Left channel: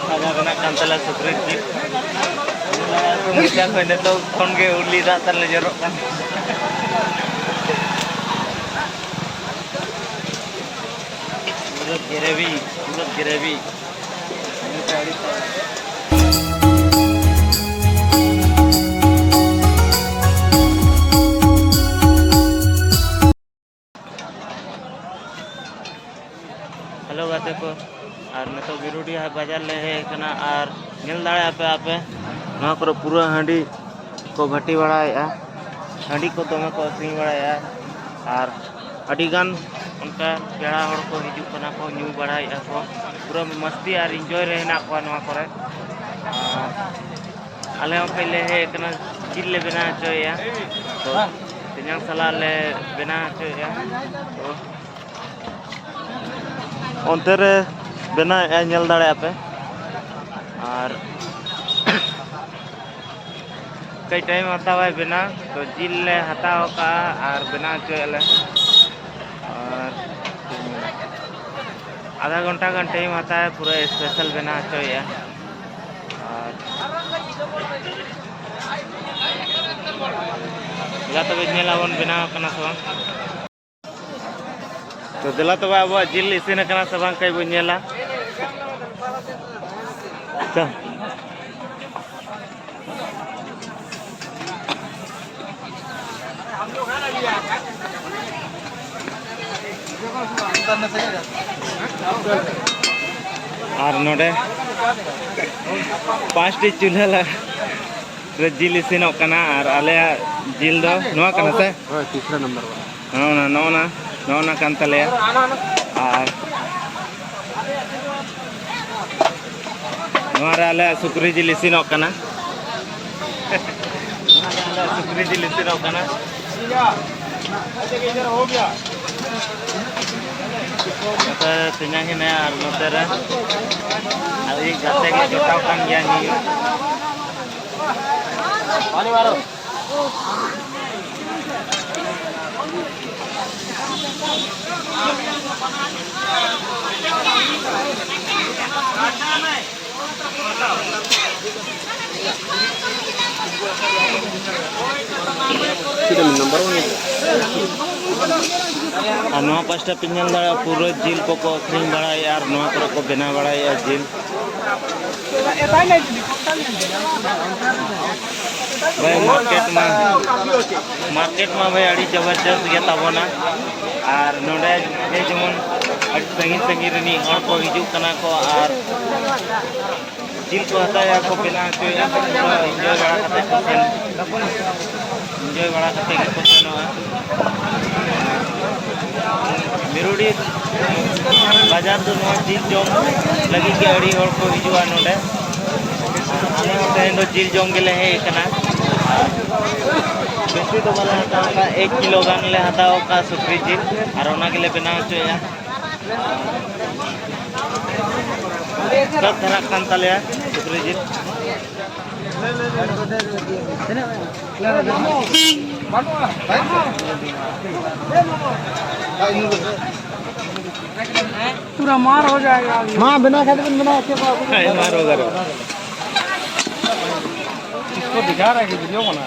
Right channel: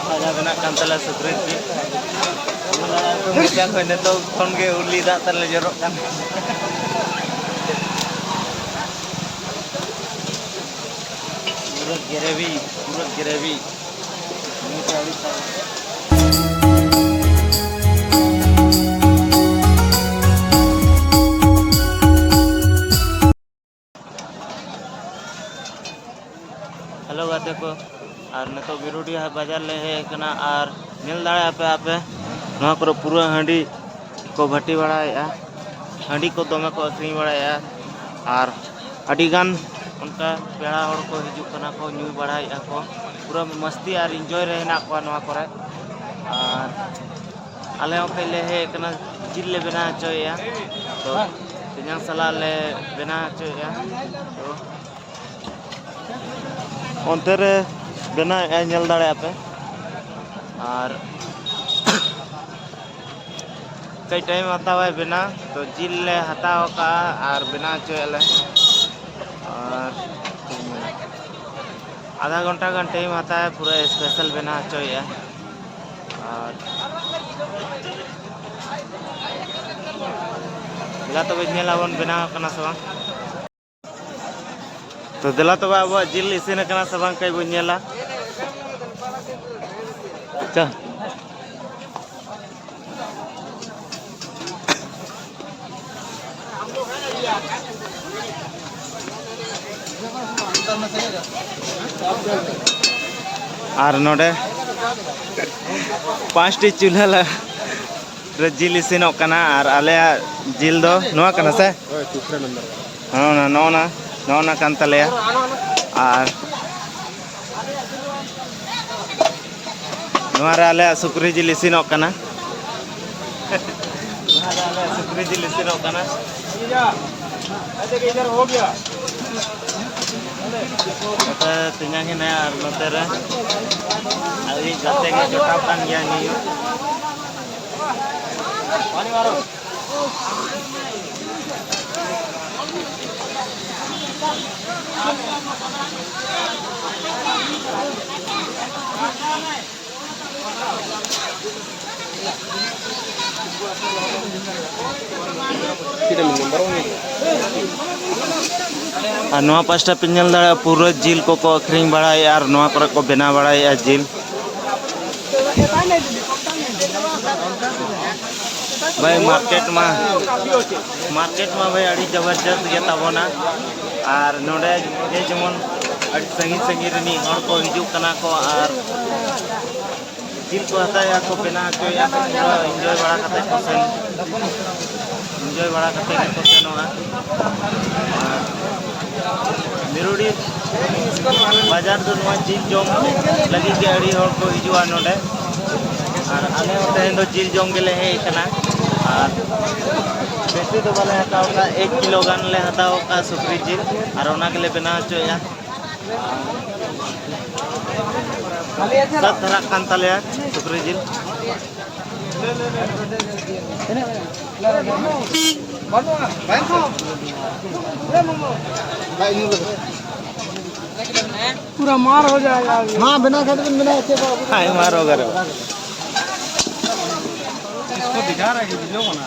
Saja kena kantela sukri sih. Mula kau neto kon ke uli dah terlejorok kan. Urut gravy. Ini tadi tahu. Hello गाते को और नतो गिरुडी बाजार ले है कना और नेल दाड़े आपे नवा को पूरा हांडी को भट्टी बड़ाया हांडी को दमे को अखरी बड़ाया और अडिगान उनका पेड़ा हड़ को हिजू कना को न्यू बड़ाया को पूरा मस्ती और एंजॉय रहना को नवा करे और आले पहले है कना जिल ले बना चोया तो तिन्यां सला ले बना चोया तो अंतरे बना नेल दाड़े पे और कई टाइम आता है बिना तो जिल ले हटाओ का और बिना चले और आधा घंटा का टाइम आता है पूरा स्पेशल बना चाहिए और दिला तो नेलावन बनाव कना सब तो दिला तो अब जिल इसीन कना सब कई बो नेला अच्छा और नोडे 5टी चूल्हा जिल इसीनों कना और आले जिल दो नोआ कना से तीसरा नंबर हाँ नौना कान तले और नोआरे आले सुक्री जिल इसीनों कना सुक्री जिल इसीनों कना हो गया तिना ही नया और नोते रे अभी गाते के जोटाव कान गया नियो पानी मारो और नवा पास्टा पिंजल दाड़ा पूरा जिल को अखरीं बड़ाई और नवा को बना बड़ाई जिल भाई मार्केट में भाई अड़ी जबरदस्त गया तबना और नोडे जेमन अड़ी संगी रनी हड़ को हिजू कना को और जिल को हताया को बना चोया एंजॉय बड़ा करते को सेन एंजॉय बड़ा करते को सेनोगा मिरुडी बाजार दो नवा जिल जोम लगी के अड़ी हड़ को हिजुआ नोडे और आले तेन दो जिल जोम गेले हे कना और बेसी तो बाले हताओ का 1 किलो गान ले हताओ का सुक्री जिल और ओना के ले बना चोया सब तरह खान तले सुक्री जिल पूरा मार हो जाएगा हाँ बिना खाते बिना अच्छे मार होगा इसको दिखा रहा है कि वीडियो बना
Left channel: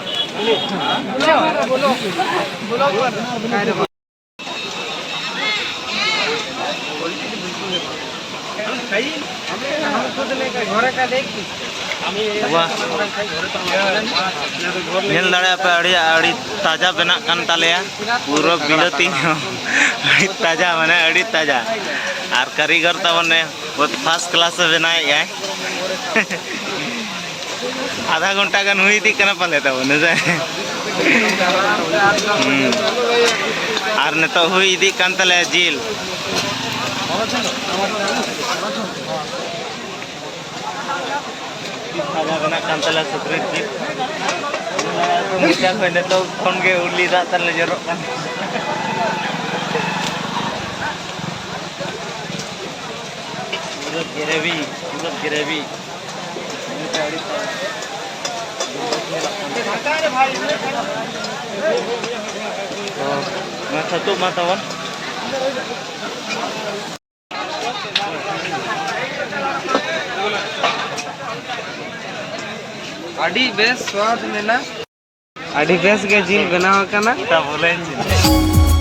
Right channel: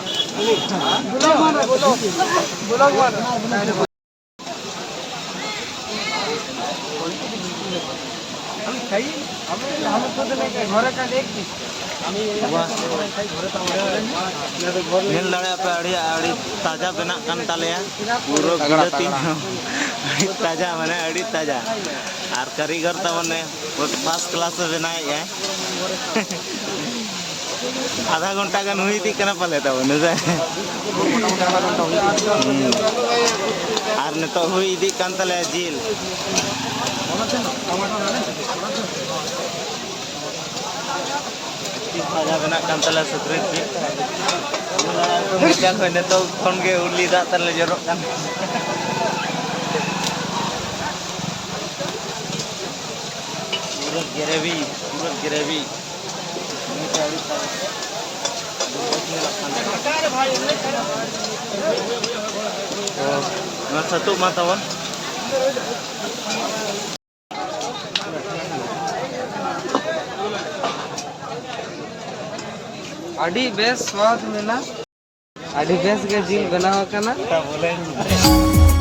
नेल दाड़े पे अड़ी ताजा बना कान तालेया पूरा बिलती अड़ी ताजा माने अड़ी ताजा और कारीगर तमने बहुत फर्स्ट क्लास बनाए है आधा घंटा गान हुई थी कना पाले तमने से और ने तो हुई दी कान ताले जिल ताजा बना कान ताले सुक्री जिल मुला कोई ने तो फोन के उली दा तरले जरक कान पूरा gravy ini tadi tahu oh nggak satu matawan अड़ी बेस स्वाद मिला अड़ी बेस के जिल बनाव कना बोले